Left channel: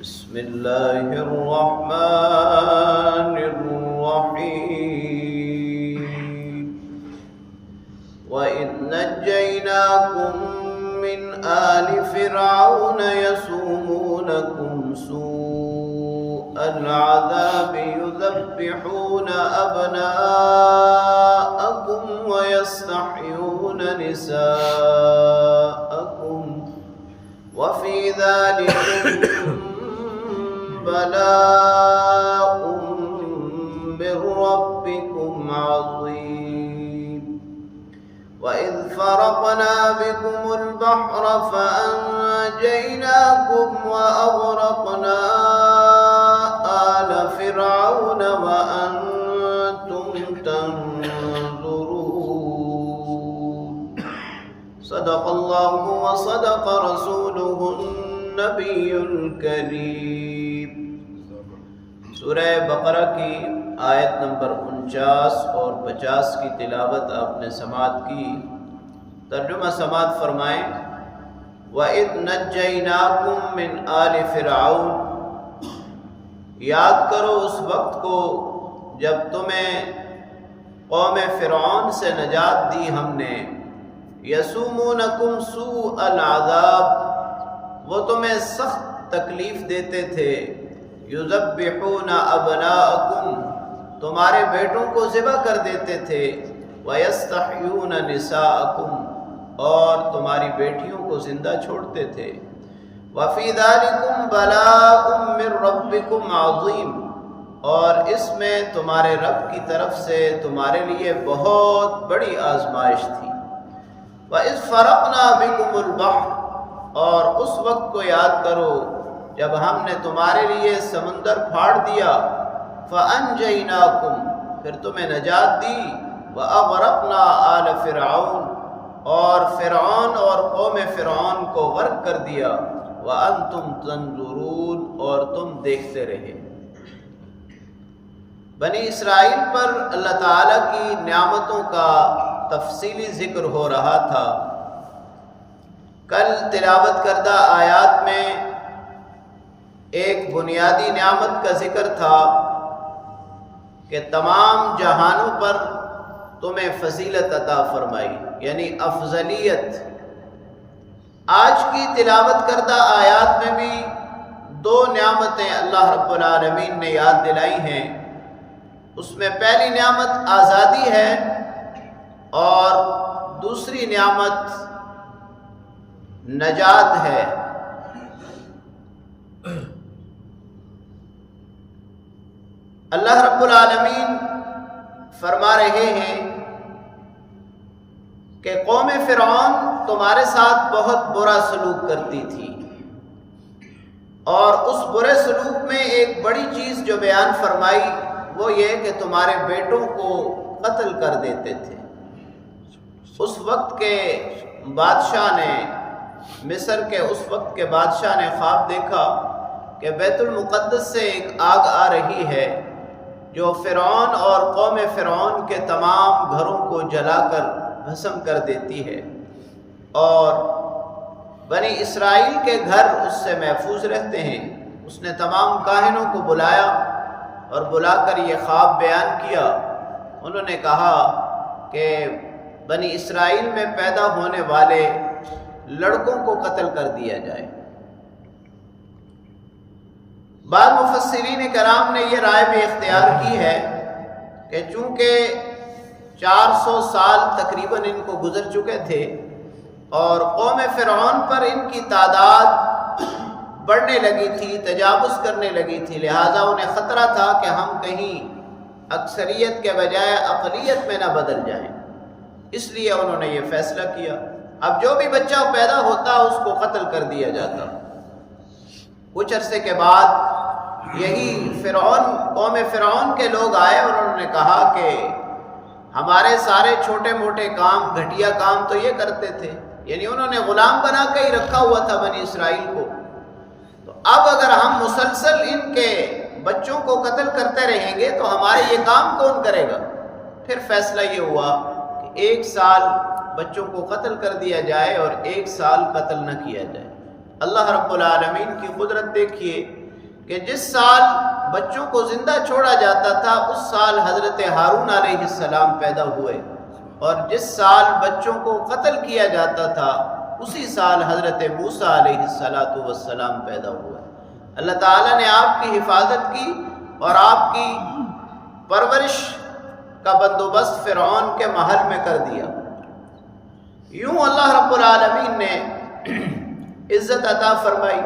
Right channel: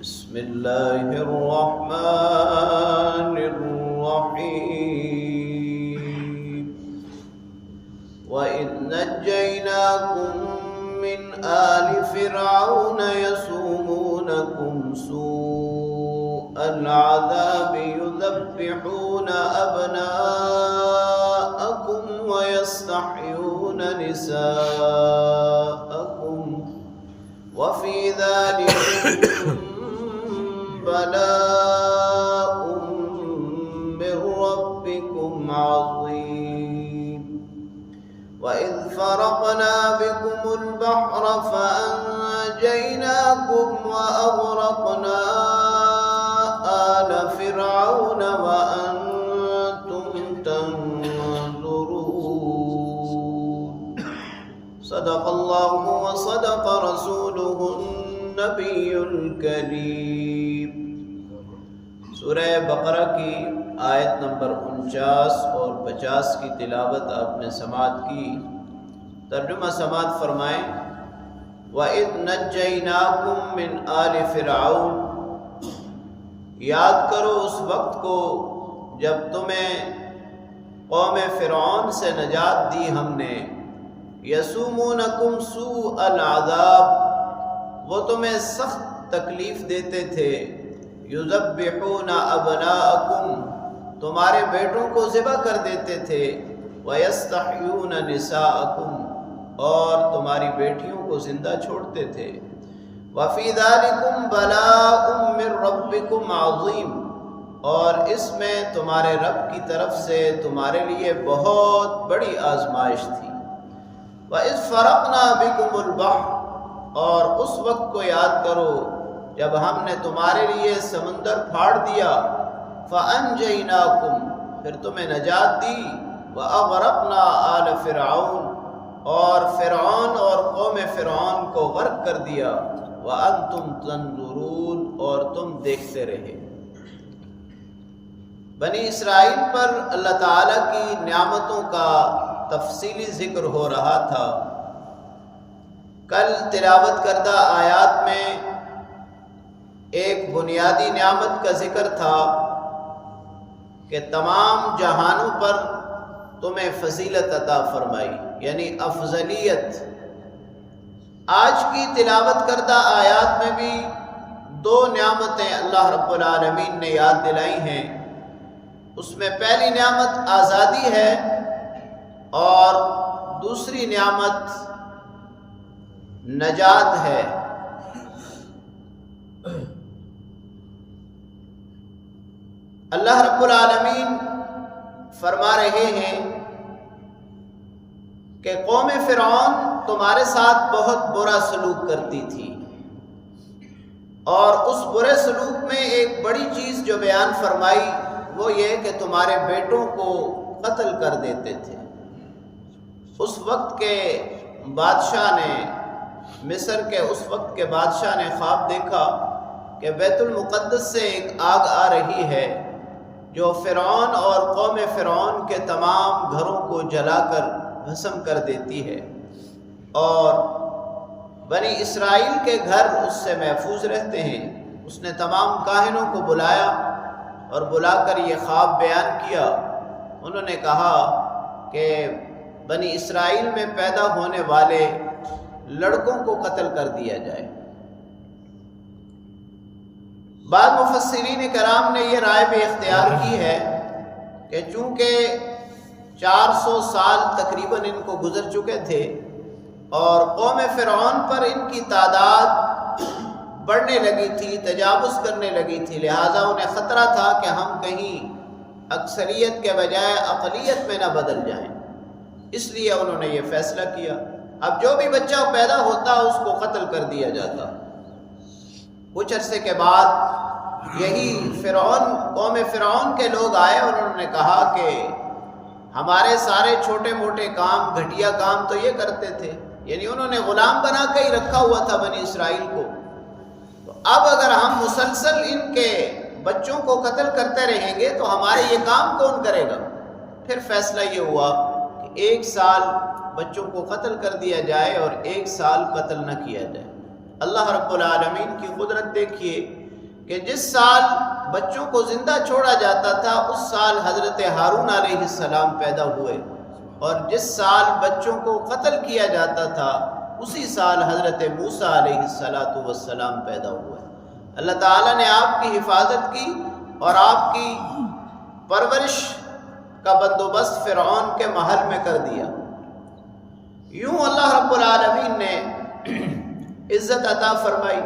بسم الله الرحمن الرحيم وإذ نجيناكم من آل فرعون يسومونكم سوء العذاب يذبحون أبناءكم ويستحيون نساءكم وفي ذلكم بلاء من ربكم عظيم وإذ فرقنا بكم البحر فأنجيناكم وأغرقنا آل فرعون وأنتم تنظرون صدق الله وصدق رسوله النبی الکریم۔ سورہ بقرہ کی آیت نمبر 49 اور 50 کی تلاوت آپ نے سماعت کی۔ ترجمہ سماعت فرمائیں۔ وَإِذْ نَجَّيْنَاكُمْ مِنْ آلِ فِرْعَوْنَ، یاد کرو اس وقت کو جب تمہیں قوم فرعون سے نجات دی ہم نے۔ یسومونکم سوء العذاب، وہ تمہیں سخت تکلیف دیتے تھے۔ یذبحون ابناءکم، تمہارے بیٹوں کو ذبح کر دیتے تھے۔ ویستحیون نساءکم، اور تمہاری بیٹیوں کو زندہ چھوڑتے تھے۔ وفی ذالکم بلاء من ربکم عظیم، اور اس میں تمہارے رب کی طرف سے تمہارے لیے بہت بڑی آزمائش تھی۔ وَإِذْ فَرَقْنَا بِكُمُ الْبَحْرَ، اور اس وقت کو یاد کرو جب ہم نے تمہارے لیے سمندر پھاڑ دیا۔ فَأَنْجَيْنَاكُمْ، پھر تمہیں نجات دی۔ وَأَغْرَقْنَا آلَ فِرْعَوْنَ، اور فرعون اور قوم فرعون کو غرق کر دیا۔ وَأَنْتُمْ تَنْظُرُونَ، اور تم دیکھتے رہے۔ بنی اسرائیل پر اللہ تعالیٰ کی نعمتوں کا تفصیلی ذکر ہو رہا تھا۔ کل تلاوت کردہ آیات میں ایک بنیادی نعمت کا ذکر تھا کہ تمام جہانوں پر تمہیں فضیلت عطا فرمائی، یعنی افضلیت۔ آج کی تلاوت کردہ آیات میں بھی دو نعمتیں اللہ رب العالمین نے یاد دلائی ہیں۔ اس میں پہلی نعمت آزادی ہے اور دوسری نعمت نجات ہے۔ اللہ رب العالمین فرما رہے ہیں کہ قوم فرعون تمہارے ساتھ بہت برا سلوک کرتی تھی، اور اس برے سلوک میں ایک بڑی چیز جو بیان فرمائی وہ یہ کہ تمہارے بیٹوں کو قتل کر دیتے تھے۔ اس وقت کے بادشاہ نے، مصر کے اس وقت کے بادشاہ نے خواب دیکھا کہ بیت المقدس سے ایک آگ آ رہی ہے جو فرعون اور قوم فرعون کے تمام گھروں کو جلا کر بھسم کر دیتی ہے، اور بنی اسرائیل کے گھر اس سے محفوظ رہتے ہیں۔ اس نے تمام کاہنوں کو بلایا اور بلا کر یہ خواب بیان کیا۔ انہوں نے کہا کہ بنی اسرائیل میں پیدا ہونے والے لڑکوں کو قتل کر دیا جائے۔ بعض مفسرین کرام نے یہ رائے بھی اختیار کی ہے کہ چونکہ 400 سال تقریباً ان کو گزر چکے تھے اور قوم فرعون پر ان کی تعداد بڑھنے لگی تھی، تجاوز کرنے لگی تھی، لہٰذا انہیں خطرہ تھا کہ ہم کہیں اکثریت کے بجائے اقلیت میں نہ بدل جائیں، اس لیے انہوں نے یہ فیصلہ کیا۔ اب جو بھی بچہ پیدا ہوتا اس کو قتل کر دیا جاتا۔ کچھ عرصے کے بعد یہی قوم فرعون کے لوگ آئے اور انہوں نے کہا کہ ہمارے سارے چھوٹے موٹے کام، گھٹیا کام تو یہ کرتے تھے، یعنی انہوں نے غلام بنا کے ہی رکھا ہوا تھا بنی اسرائیل کو، تو اب اگر ہم مسلسل ان کے بچوں کو قتل کرتے رہیں گے تو ہمارے یہ کام کون کرے گا؟ پھر فیصلہ یہ ہوا کہ 1 سال بچوں کو قتل کر دیا جائے اور 1 سال قتل نہ کیا جائے۔ اللہ رب العالمین کی قدرت دیکھیے کہ جس سال بچوں کو زندہ چھوڑا جاتا تھا اس سال حضرت ہارون علیہ السلام پیدا ہوئے، اور جس سال بچوں کو قتل کیا جاتا تھا اسی سال حضرت موسیٰ علیہ السلام پیدا ہوئے۔ اللہ تعالیٰ نے آپ کی حفاظت کی اور آپ کی پرورش کا بندوبست فرعون کے محل میں کر دیا۔ یوں اللہ رب العالمین نے عزت عطا فرمائی۔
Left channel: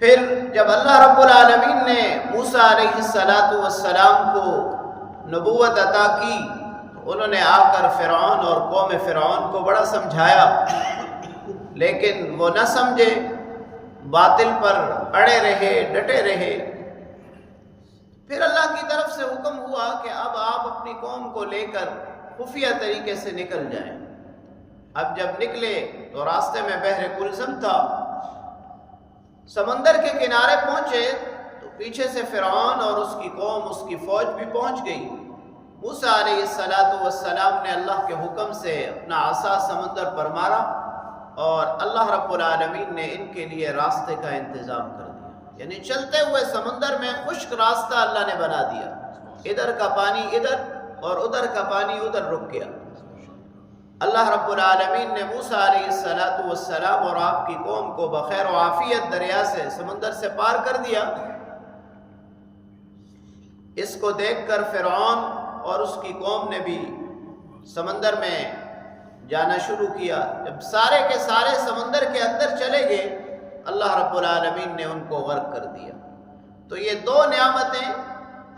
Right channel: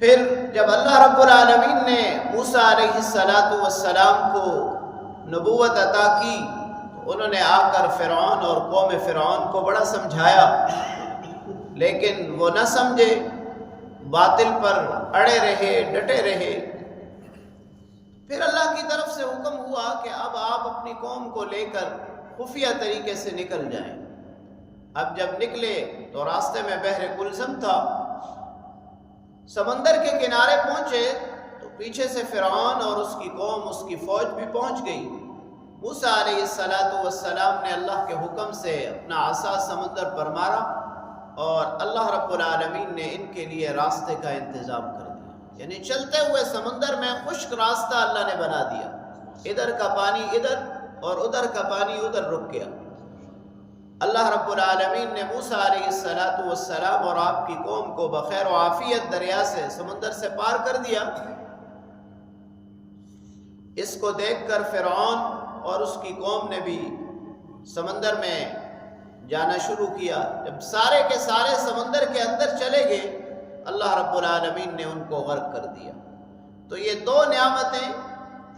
پھر جب اللہ رب العالمین نے موسیٰ علیہ السلام کو نبوت عطا کی تو انہوں نے آ کر فرعون اور قوم فرعون کو بڑا سمجھایا، لیکن وہ نہ سمجھے، باطل پر اڑے رہے، ڈٹے رہے۔ پھر اللہ کی طرف سے حکم ہوا کہ اب آپ اپنی قوم کو لے کر خفیہ طریقے سے نکل جائیں۔ اب جب نکلے تو راستے میں بحر کلثم تھا، سمندر کے کنارے پہنچے تو پیچھے سے فرعون اور اس کی قوم، اس کی فوج بھی پہنچ گئی۔ موسیٰ علیہ السلام نے اللہ کے حکم سے اپنا عصا سمندر پر مارا اور اللہ رب العالمین نے ان کے لیے راستے کا انتظام کر دیا، یعنی چلتے ہوئے سمندر میں خشک راستہ اللہ نے بنا دیا، ادھر کا پانی ادھر اور ادھر کا پانی ادھر رک گیا۔ اللہ رب العالمین نے موسیٰ علیہ السلام اور آپ کی قوم کو بخیر و عافیت دریا سے، سمندر سے پار کر دیا۔ اس کو دیکھ کر فرعون اور اس کی قوم نے بھی سمندر میں جانا شروع کیا۔ جب سارے کے سارے سمندر کے اندر چلے گئے اللہ رب العالمین نے ان کو غرق کر دیا۔ تو یہ دو نعمتیں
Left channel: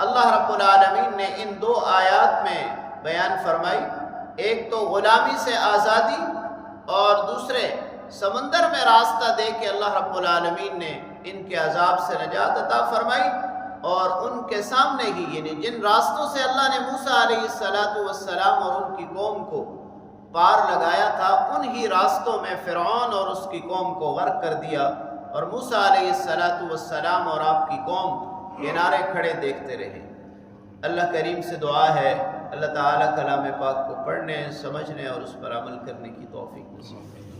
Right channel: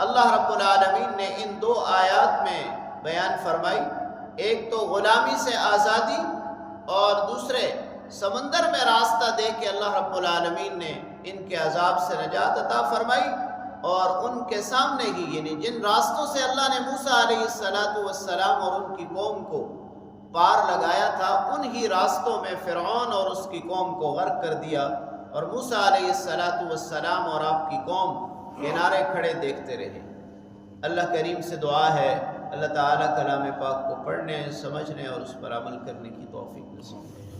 اللہ رب العالمین نے ان دو آیات میں بیان فرمائی، ایک تو غلامی سے آزادی اور دوسرے سمندر میں راستہ دے کے اللہ رب العالمین نے ان کے عذاب سے نجات عطا فرمائی، اور ان کے سامنے ہی، یعنی جن راستوں سے اللہ نے موسیٰ علیہ السلام اور ان کی قوم کو پار لگایا تھا انہی راستوں میں فرعون اور اس کی قوم کو غرق کر دیا، اور موسیٰ علیہ السلام اور آپ کی قوم کنارے کھڑے دیکھتے رہے۔ اللہ کریم سے دعا ہے اللہ تعالیٰ کلام پاک کو پڑھنے، سمجھنے اور اس پر عمل کرنے کی توفیق نصیب کرے۔